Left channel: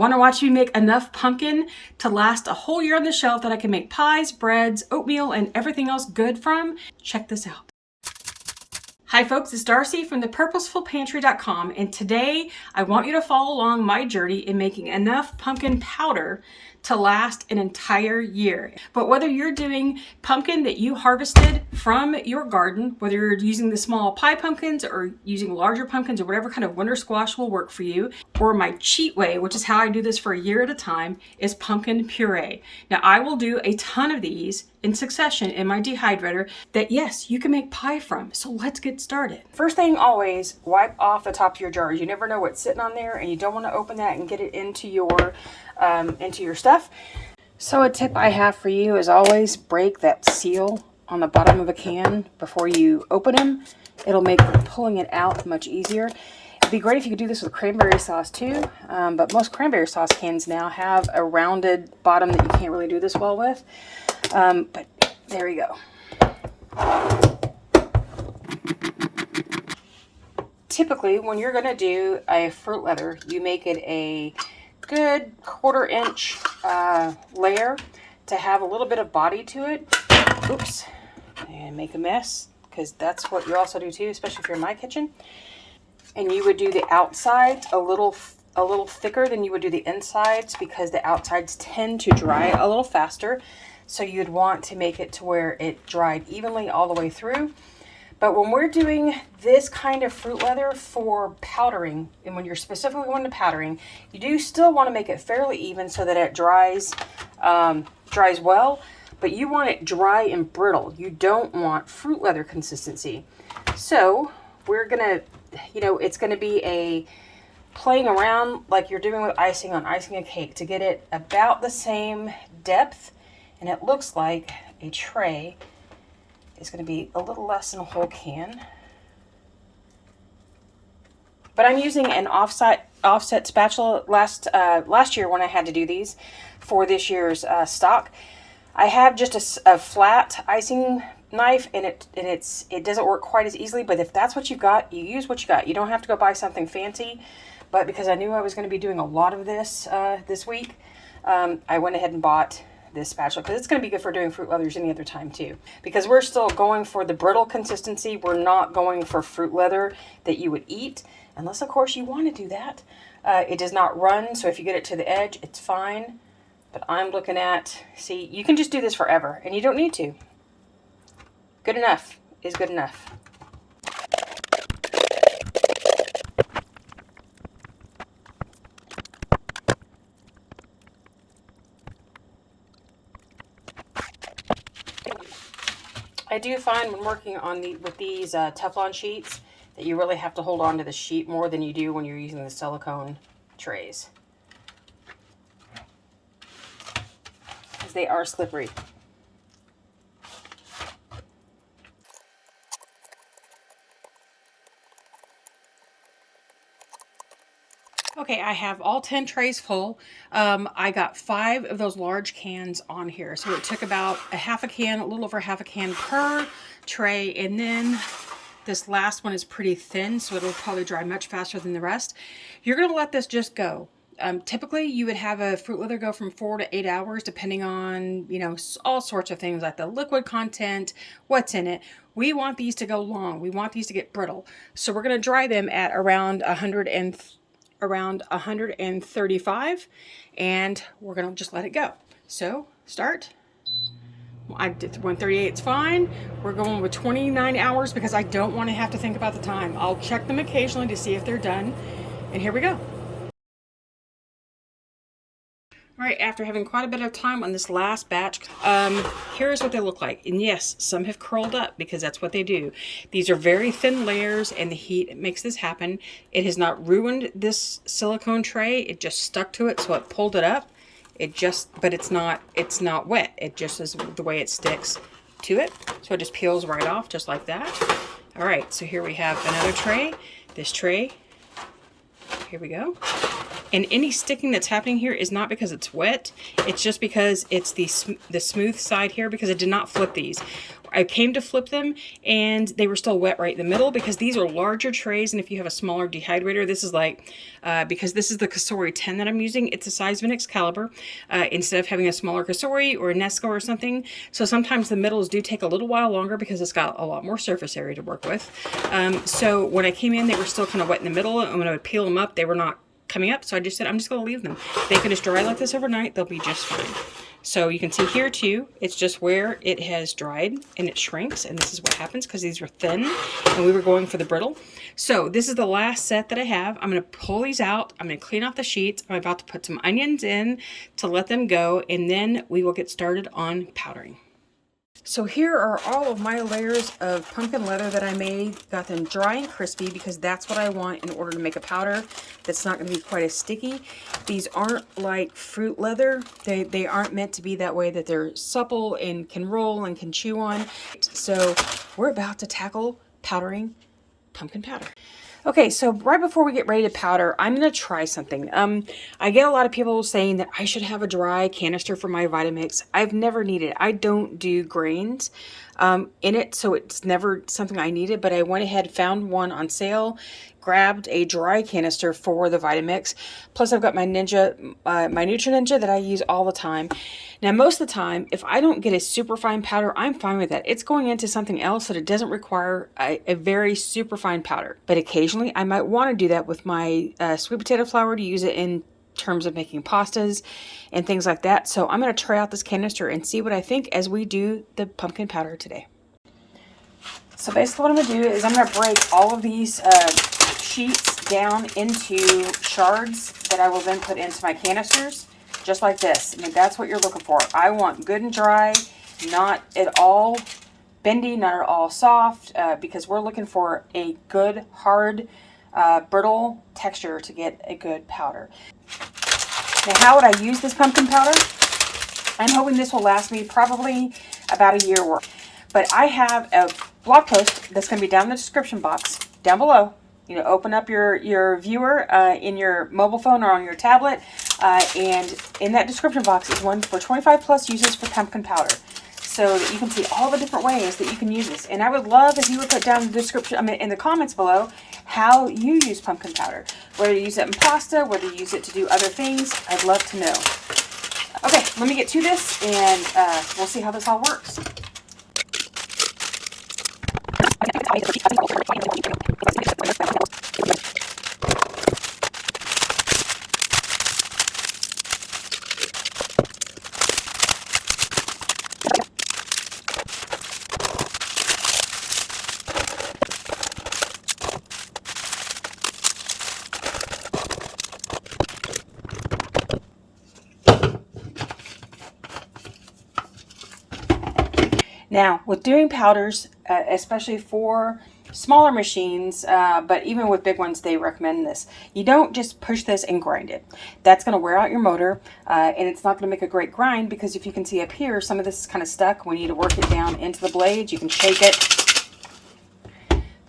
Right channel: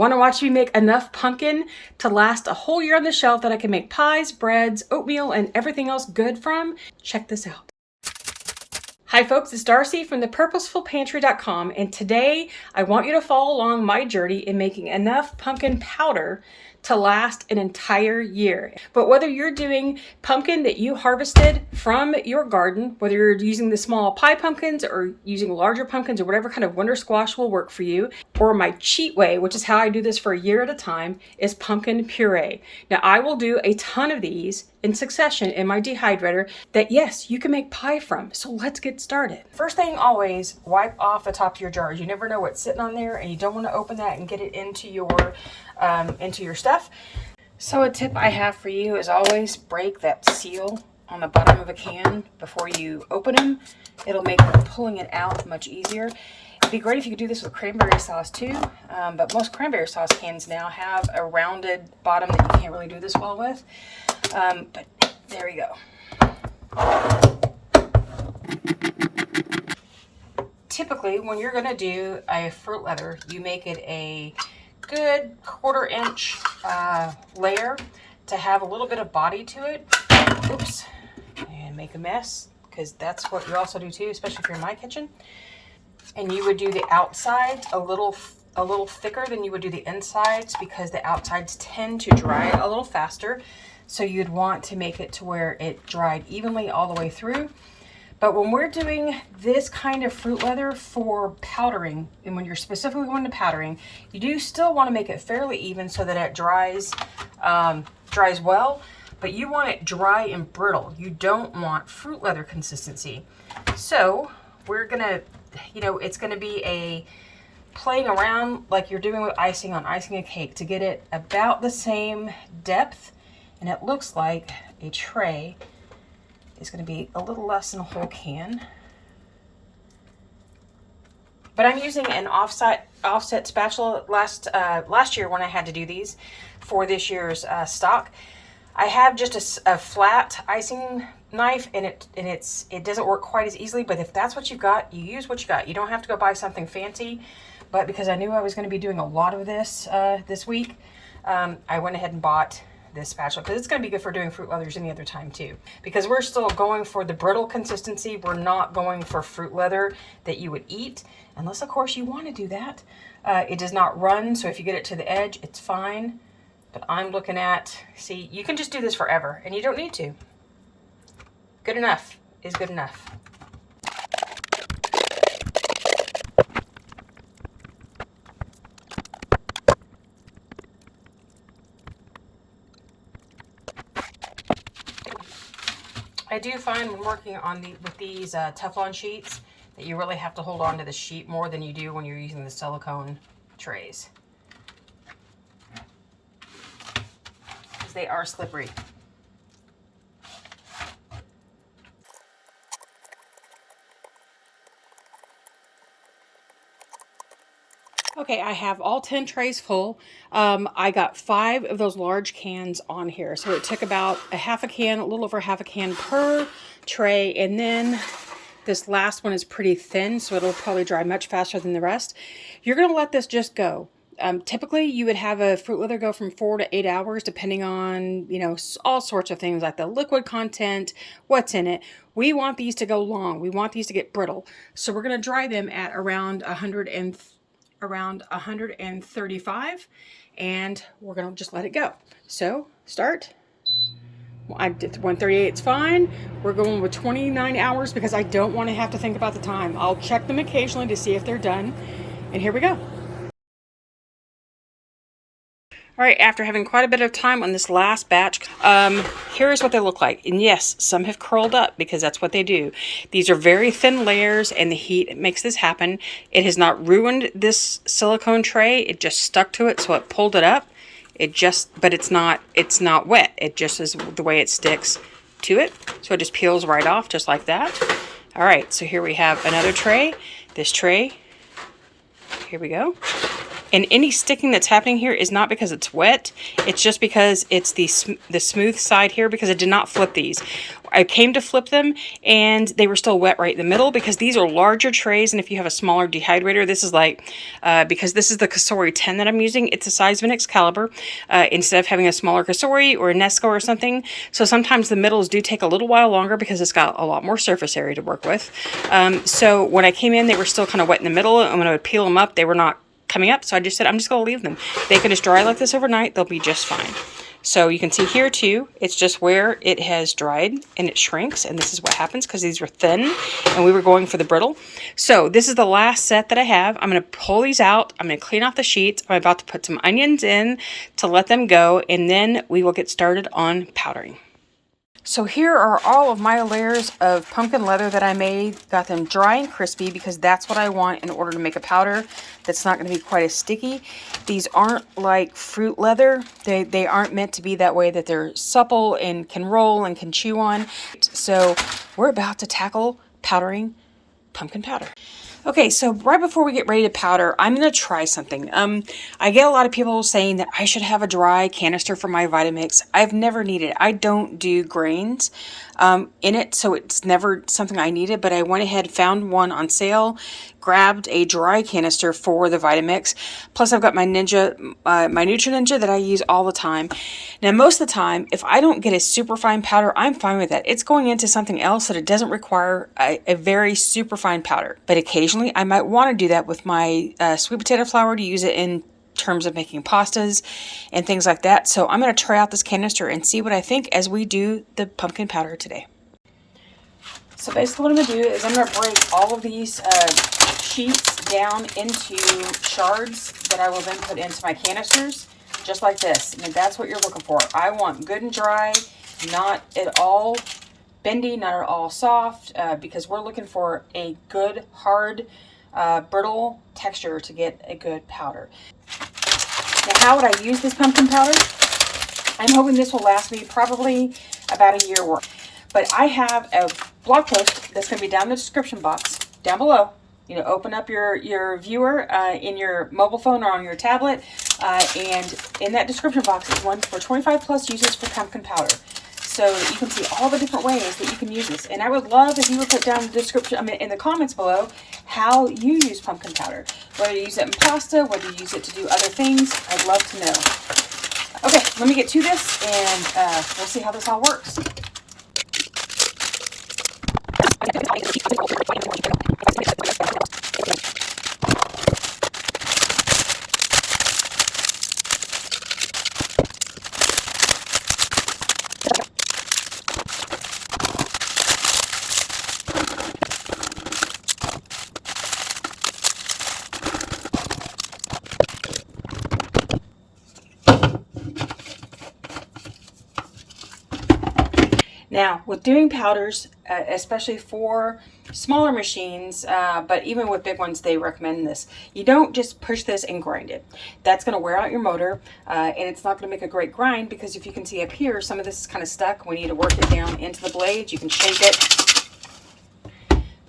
Want to watch me make enough pumpkin to last a whole year on the shelf that I can make pies, breads, oatmeal, and everything else good from? Check this out. Hi folks, it's Darcy from the purposefulpantry.com, and today I want you to follow along my journey in making enough pumpkin powder to last an entire year. But whether you're doing pumpkin that you harvested from your garden, whether you're using the small pie pumpkins or using larger pumpkins or whatever kind of winter squash will work for you, or my cheat way, which is how I do this for a year at a time, is pumpkin puree. Now I will do a ton of these in succession in my dehydrator that, yes, you can make pie from. So let's get started. First thing, always wipe off the top of your jars. You never know what's sitting on there, and you don't want to open that and get it into your stuff. So a tip I have for you is always break that seal on the bottom of a can before you open them. It'll make pulling it out much easier. It'd be great if you could do this with cranberry sauce too, but most cranberry sauce cans now have a rounded bottom that you can't really do this well with. But there you go. Typically, when you're going to do a fruit leather, you make it a good 1/4 inch layer to have a little bit of body to it. Oops, and make a mess, because that's what you also do too, especially if you're in my kitchen. And you would do the outside a little thicker than you would do the insides, because the outsides tend to dry a little faster. So you'd want to make it to where it dried evenly all the way through. But when we're doing this kind of fruit leather for powdering, and when you're specifically going to powdering, you do still want to make it fairly even so that it dries well, but you want it dry and brittle. You don't want fruit leather consistency. So we're gonna, it's gonna be a playing around like you're doing with icing on icing a cake to get it about the same depth. And it looks like a tray is going to be a little less than a whole can. But I'm using an offset spatula. Last year when I had to do these for this year's stock, I have just a flat icing knife, and it doesn't work quite as easily. But if that's what you've got, you use what you got. You don't have to go buy something fancy. But because I knew I was going to be doing a lot of this this week, I went ahead and bought this spatula, because it's going to be good for doing fruit leathers any other time too, because we're still going for the brittle consistency. We're not going for fruit leather that you would eat, unless of course you want to do that. It does not run, so if you get it to the edge, it's fine. But I'm looking at, see, you can just do this forever and you don't need to. Good enough is good enough. I do find when working on with these Teflon sheets that you really have to hold on to the sheet more than you do when you're using the silicone trays, because they are slippery. Okay, I have all 10 trays full. I got 5 of those large cans on here. So it took about a little over half a can per tray. And then this last one is pretty thin, so it'll probably dry much faster than the rest. You're going to let this just go. Typically, you would have a fruit leather go from 4 to 8 hours, depending on, all sorts of things like the liquid content, what's in it. We want these to go long. We want these to get brittle. So we're going to dry them at around 135, and we're going to just let it go. So start. I did 138, it's fine. We're going with 29 hours because I don't want to have to think about the time. I'll check them occasionally to see if they're done. And here we go. All right, after having quite a bit of time on this last batch, here's what they look like. And yes, some have curled up because that's what they do. These are very thin layers, and the heat makes this happen. It has not ruined this silicone tray. It just stuck to it, so it pulled it up. But it's not wet. It just is the way it sticks to it. So it just peels right off just like that. All right, so here we have another tray. This tray, here we go. And any sticking that's happening here is not because it's wet. It's just because it's the smooth side here, because I did not flip these. I came to flip them and they were still wet right in the middle, because these are larger trays. And if you have a smaller dehydrator, this is like, because this is the Cosori 10 that I'm using, it's the size of an Excalibur, instead of having a smaller Cosori or a Nesco or something. So sometimes the middles do take a little while longer because it's got a lot more surface area to work with. So when I came in, they were still kind of wet in the middle, and when I would peel them up, they were not coming up. So I just said, I'm just going to leave them. They can just dry like this overnight. They'll be just fine. So you can see here too, it's just where it has dried and it shrinks. And this is what happens because these were thin and we were going for the brittle. So this is the last set that I have. I'm going to pull these out. I'm going to clean off the sheets. I'm about to put some onions in to let them go. And then we will get started on powdering. So here are all of my layers of pumpkin leather that I made. Got them dry and crispy because that's what I want in order to make a powder that's not going to be quite as sticky. These aren't like fruit leather. They aren't meant to be that way, that they're supple and can roll and can chew on. So we're about to tackle powdering pumpkin powder. Okay, so right before we get ready to powder, I'm going to try something. I get a lot of people saying that I should have a dry canister for my Vitamix. I've never needed it. I don't do grains in it, so it's never something I needed, but I went ahead, found one on sale, grabbed a dry canister for the Vitamix. Plus I've got my Ninja, my Nutri Ninja that I use all the time. Now, most of the time, if I don't get a super fine powder, I'm fine with that. It's going into something else that it doesn't require a very super fine powder. But occasionally, I might want to do that with my sweet potato flour to use it in terms of making pastas and things like that. So I'm going to try out this canister and see what I think as we do the pumpkin powder today. So basically what I'm going to do is I'm going to break all of these sheets down into shards that I will then put into my canisters. Just like this. And that's what you're looking for. I want good and dry, not at all bendy, not at all soft, because we're looking for a good, hard, brittle texture to get a good powder. Now, how would I use this pumpkin powder? I'm hoping this will last me probably about a year worth. But I have a blog post that's going to be down in the description box, down below. You know, open up your viewer in your mobile phone or on your tablet, and in that description box is one for 25 plus uses for pumpkin powder. So you can see all the different ways that you can use this. And I would love if you would put down in the description, in the comments below, how you use pumpkin powder. Whether you use it in pasta, whether you use it to do other things, I'd love to know. Okay, let me get to this, and we'll see how this all works. Now, with doing powders, especially for smaller machines, but even with big ones, they recommend this. You don't just push this and grind it. That's going to wear out your motor, and it's not going to make a great grind, because if you can see up here, some of this is kind of stuck. We need to work it down into the blades. You can shake it.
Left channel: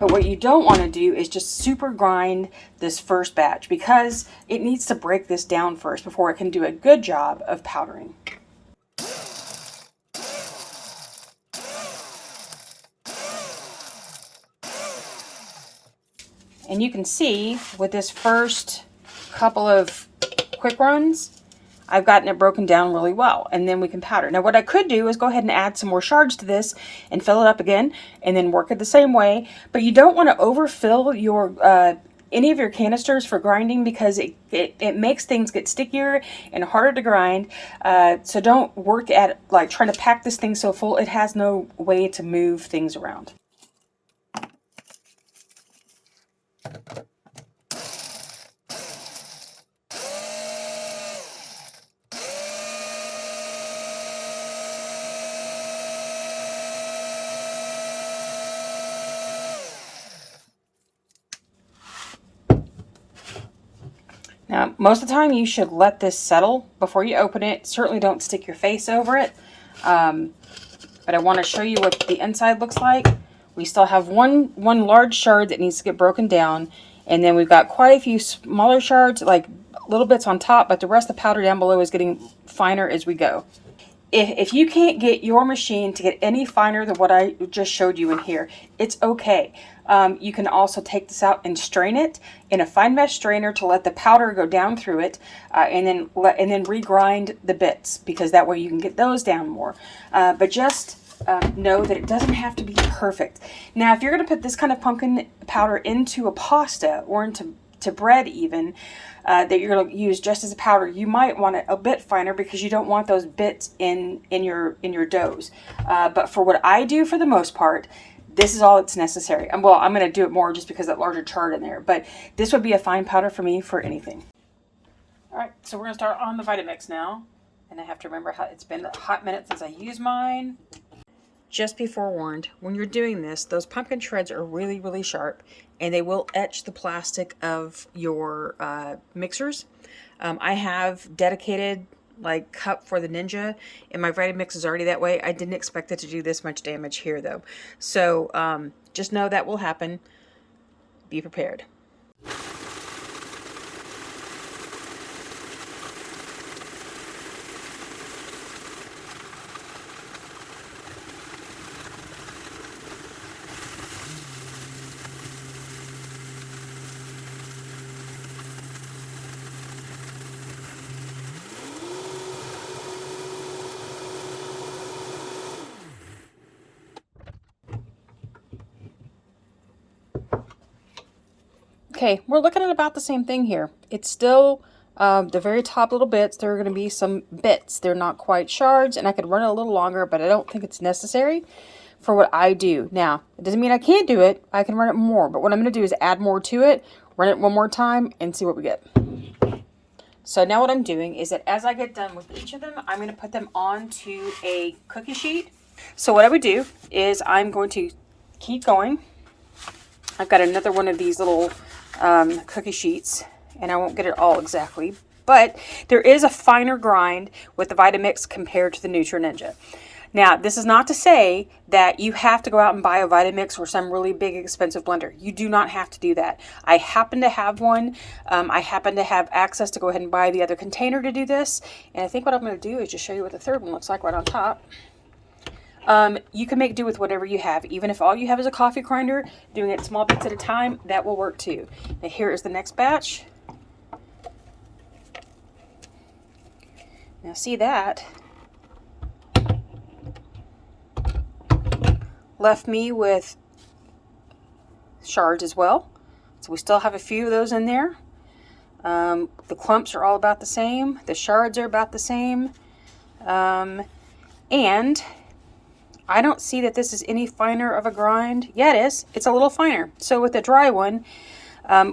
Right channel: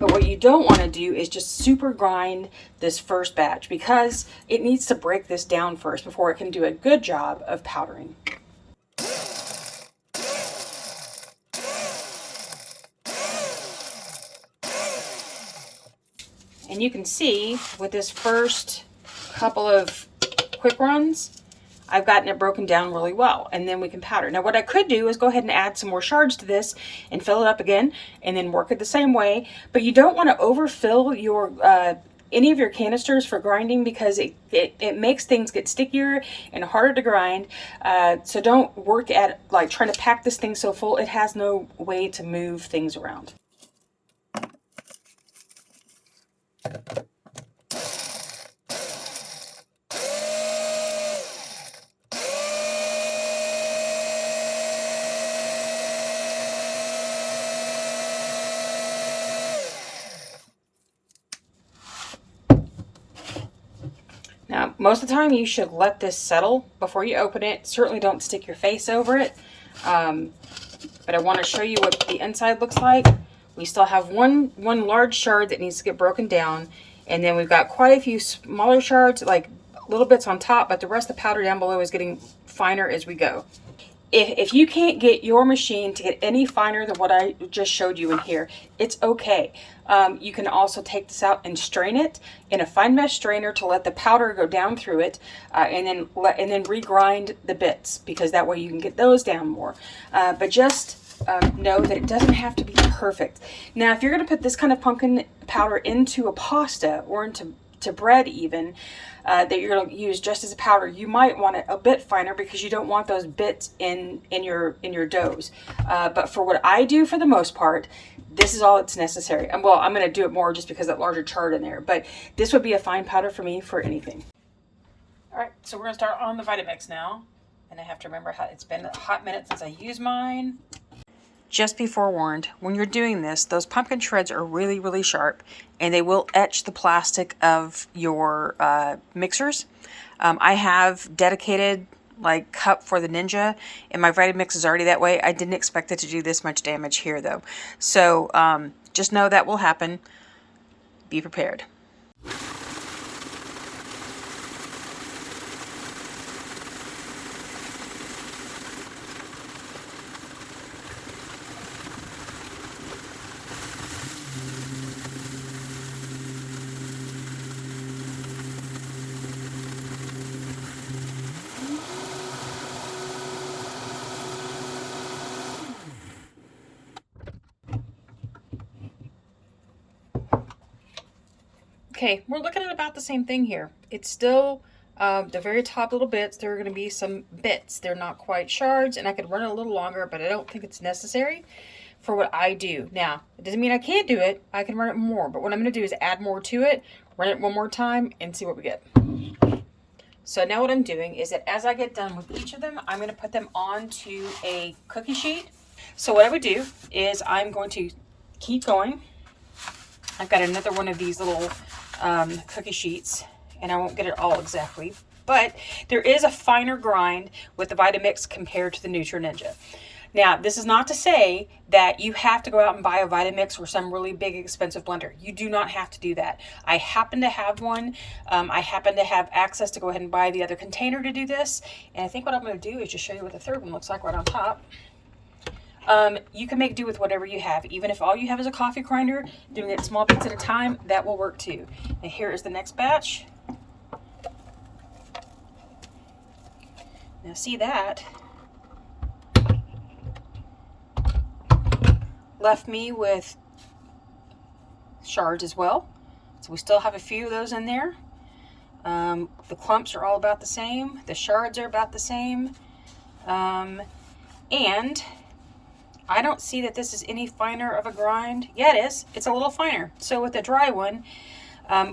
But what you don't want to do is just super grind this first batch, because it needs to break this down first before it can do a good job of powdering. And you can see with this first couple of quick runs, I've gotten it broken down really well, and then we can powder. Now what I could do is go ahead and add some more shards to this and fill it up again, and then work it the same way. But you don't want to overfill your any of your canisters for grinding, because it makes things get stickier and harder to grind. So don't work at like trying to pack this thing so full it has no way to move things around. Now, most of the time you should let this settle before you open it. Certainly don't stick your face over it. But I want to show you what the inside looks like. We still have one large shard that needs to get broken down. And then we've got quite a few smaller shards, like little bits on top, but the rest of the powder down below is getting finer as we go. If you can't get your machine to get any finer than what I just showed you in here, it's okay. You can also take this out and strain it in a fine mesh strainer to let the powder go down through it, and then regrind the bits, because that way you can get those down more. But just know that it doesn't have to be perfect. Now, if you're going to put this kind of pumpkin powder into a pasta or into bread even, that you're going to use just as a powder, you might want it a bit finer because you don't want those bits in your doughs. But for what I do, for the most part, this is all that's necessary. Well, I'm going to do it more just because that larger chart in there, but this would be a fine powder for me for anything. All right, so we're going to start on the Vitamix now, and I have to remember how it's been a hot minute since I used mine. Just be forewarned, when you're doing this, those pumpkin shreds are really, really sharp, and they will etch the plastic of your mixers. I have dedicated like cup for the Ninja, and my Vitamix is already that way. I didn't expect it to do this much damage here though. So just know that will happen. Be prepared. Okay, we're looking at about the same thing here. It's still the very top little bits. There are going to be some bits. They're not quite shards, and I could run it a little longer, but I don't think it's necessary for what I do. Now, it doesn't mean I can't do it. I can run it more, but what I'm going to do is add more to it, run it one more time, and see what we get. So now what I'm doing is that as I get done with each of them, I'm going to put them onto a cookie sheet. So what I would do is I'm going to keep going. I've got another one of these little cookie sheets, and I won't get it all exactly, but there is a finer grind with the Vitamix compared to the Ninja. Now, this is not to say that you have to go out and buy a Vitamix or some really big expensive blender. You do not have to do that. I happen to have one. I happen to have access to go ahead and buy the other container to do this, and I think what I'm going to do is just show you what the third one looks like right on top. You can make do with whatever you have. Even if all you have is a coffee grinder, doing it small bits at a time, that will work too. Now here is the next batch. Now see that left me with shards as well. So we still have a few of those in there. The clumps are all about the same. The shards are about the same. And I don't see that this is any finer of a grind. Yeah, it is. It's a little finer. So with the dry one,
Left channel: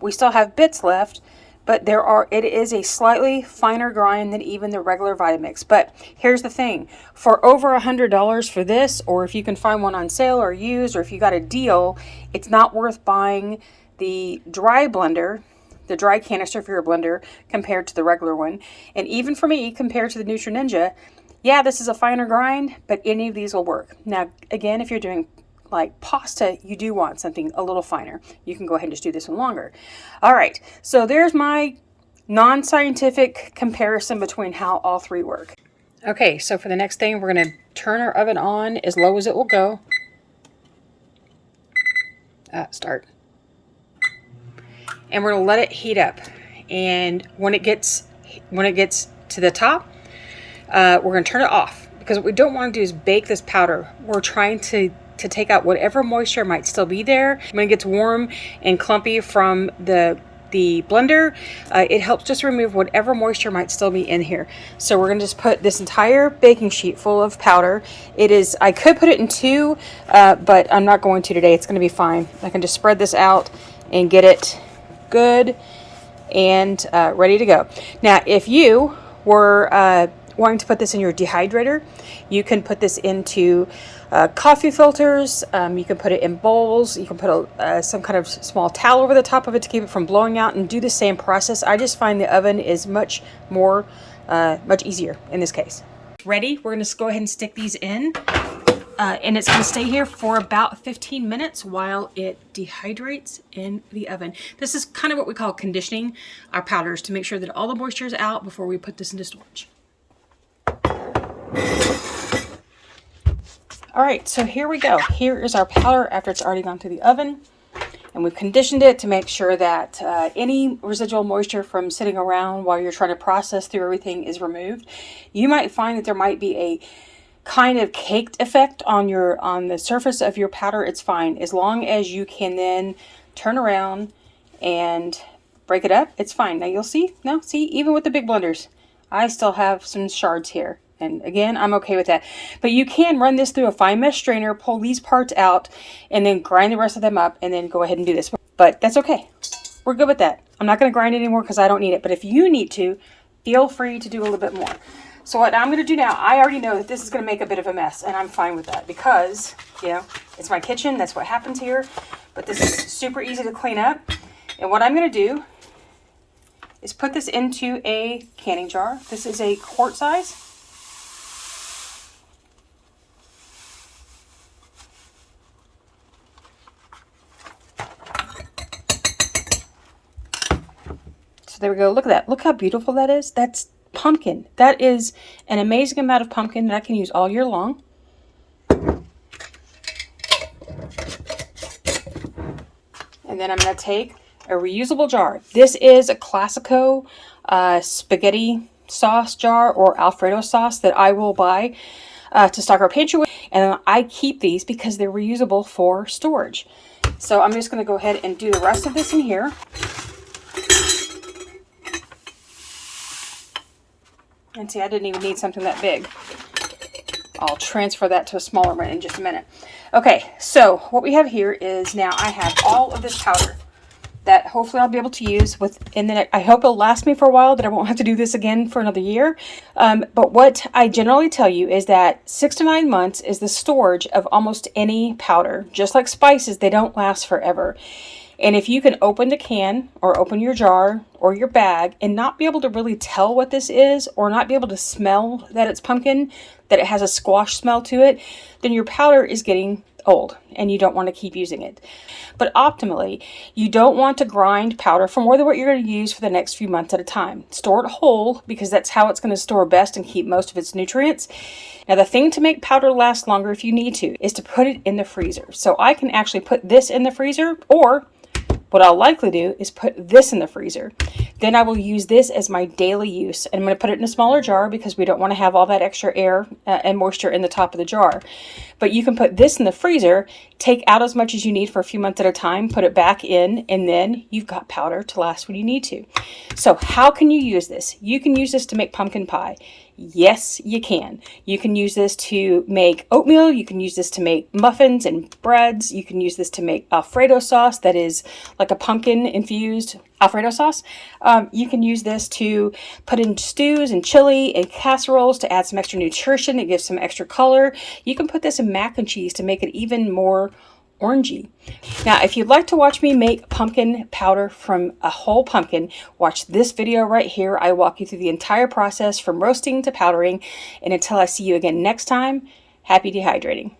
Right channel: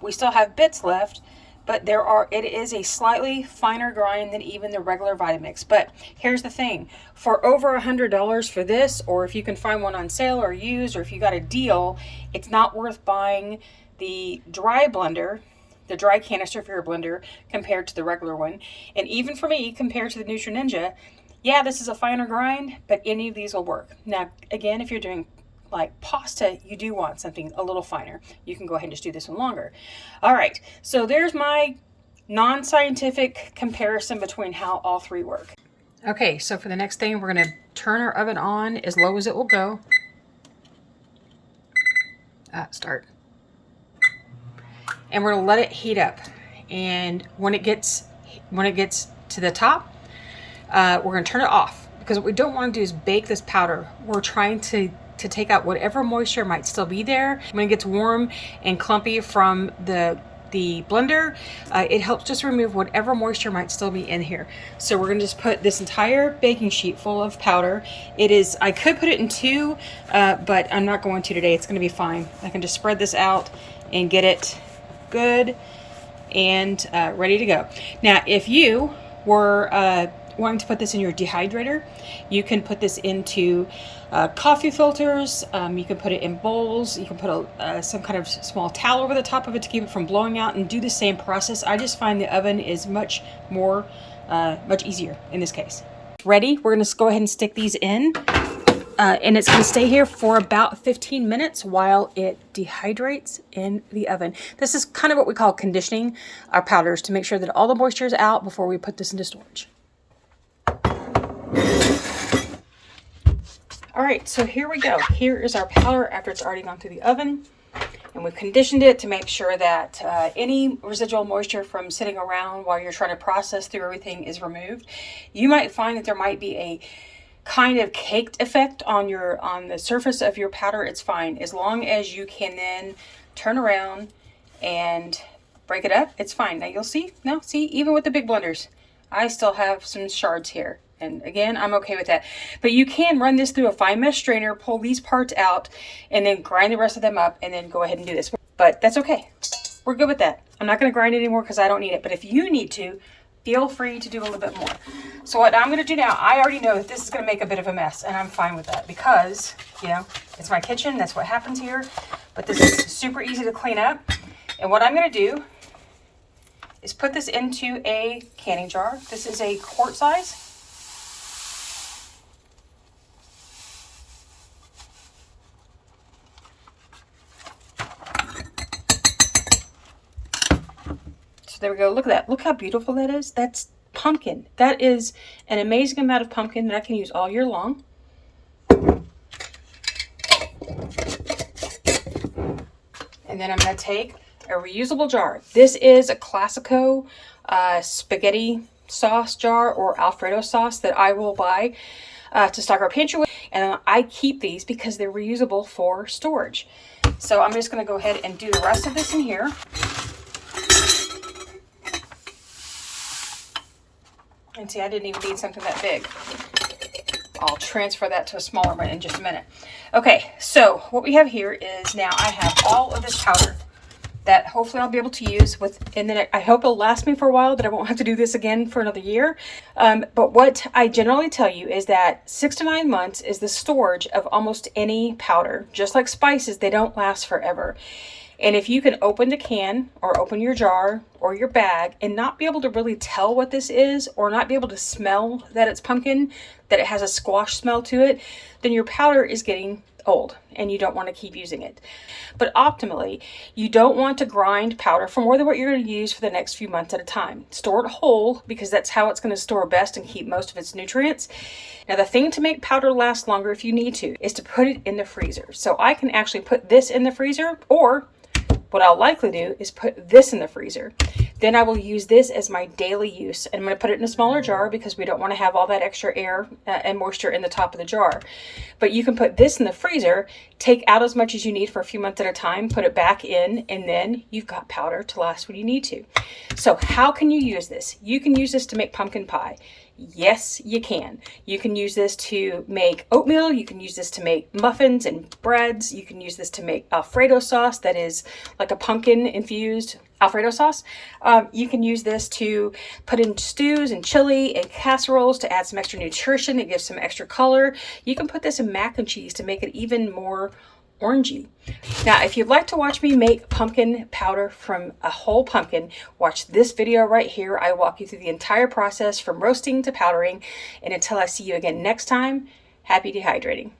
we still have bits left, but it is a slightly finer grind than even the regular Vitamix. But here's the thing. For over $100 for this, or if you can find one on sale or used, or if you got a deal, it's not worth buying the dry blender, the dry canister for your blender, compared to the regular one. And even for me, compared to the Ninja, yeah, this is a finer grind, but any of these will work. Now, again, if you're doing like pasta, you do want something a little finer. You can go ahead and just do this one longer. All right, so there's my non-scientific comparison between how all three work. Okay, so for the next thing, we're going to turn our oven on as low as it will go. Start. And we're going to let it heat up. And when it gets to the top, we're going to turn it off, because what we don't want to do is bake this powder. We're trying to take out whatever moisture might still be there. When it gets warm and clumpy from the blender, it helps just remove whatever moisture might still be in here. So we're going to just put this entire baking sheet full of powder. I could put it in two, but I'm not going to today. It's going to be fine. I can just spread this out and get it good and ready to go. Now, if you were wanting to put this in your dehydrator, you can put this into coffee filters. You can put it in bowls. You can put some kind of small towel over the top of it to keep it from blowing out, and do the same process. I just find the oven is much easier in this case. Ready? We're going to go ahead and stick these in. and it's going to stay here for about 15 minutes while it dehydrates in the oven. This is kind of what we call conditioning our powders to make sure that all the moisture is out before we put this into storage. All right, so here we go. Here is our powder after it's already gone through the oven. And we've conditioned it to make sure that any residual moisture from sitting around while you're trying to process through everything is removed. You might find that there might be a kind of caked effect on the surface of your powder. It's fine as long as you can then turn around and break it up. It's fine. Now you'll see. Now see, even with the big blenders, I still have some shards here. And again, I'm okay with that. But you can run this through a fine mesh strainer, pull these parts out, and then grind the rest of them up, and then go ahead and do this. But that's okay. We're good with that. I'm not going to grind it anymore because I don't need it. But if you need to, feel free to do a little bit more. So what I'm going to do now, I already know that this is going to make a bit of a mess, and I'm fine with that because, you know, it's my kitchen. That's what happens here. But this is super easy to clean up. And what I'm going to do is put this into a canning jar. This is a quart size. So there we go. Look at that. Look how beautiful that is. That's pumpkin. That is an amazing amount of pumpkin that I can use all year long. And then I'm going to take a reusable jar. This is a Classico spaghetti sauce jar or Alfredo sauce that I will buy to stock our pantry with. And I keep these because they're reusable for storage. So I'm just going to go ahead and do the rest of this in here. And see, I didn't even need something that big. I'll transfer that to a smaller one in just a minute. Okay, so what we have here is now I have all of this powder that hopefully I'll be able to use with, and then I hope it'll last me for a while, that I won't have to do this again for another year. But what I generally tell you is that 6 to 9 months is the storage of almost any powder. Just like spices, they don't last forever. And if you can open the can or open your jar or your bag and not be able to really tell what this is, or not be able to smell that it's pumpkin, that it has a squash smell to it, then your powder is getting old and you don't want to keep using it. But optimally, you don't want to grind powder for more than what you're going to use for the next few months at a time. Store it whole because that's how it's going to store best and keep most of its nutrients. Now, the thing to make powder last longer, if you need to, is to put it in the freezer. So I can actually put this in the freezer, or what I'll likely do is put this in the freezer. Then I will use this as my daily use. And I'm going to put it in a smaller jar because we don't want to have all that extra air and moisture in the top of the jar. But you can put this in the freezer, take out as much as you need for a few months at a time, put it back in, and then you've got powder to last when you need to. So how can you use this? You can use this to make pumpkin pie. Yes, you can. You can use this to make oatmeal. You can use this to make muffins and breads. You can use this to make Alfredo sauce that is like a pumpkin infused Alfredo sauce. You can use this to put in stews and chili and casseroles to add some extra nutrition. It gives some extra color. You can put this in mac and cheese to make it even more orangey. Now, if you'd like to watch me make pumpkin powder from a whole pumpkin, watch this video right here. I walk you through the entire process from roasting to powdering. And until I see you again next time, happy dehydrating.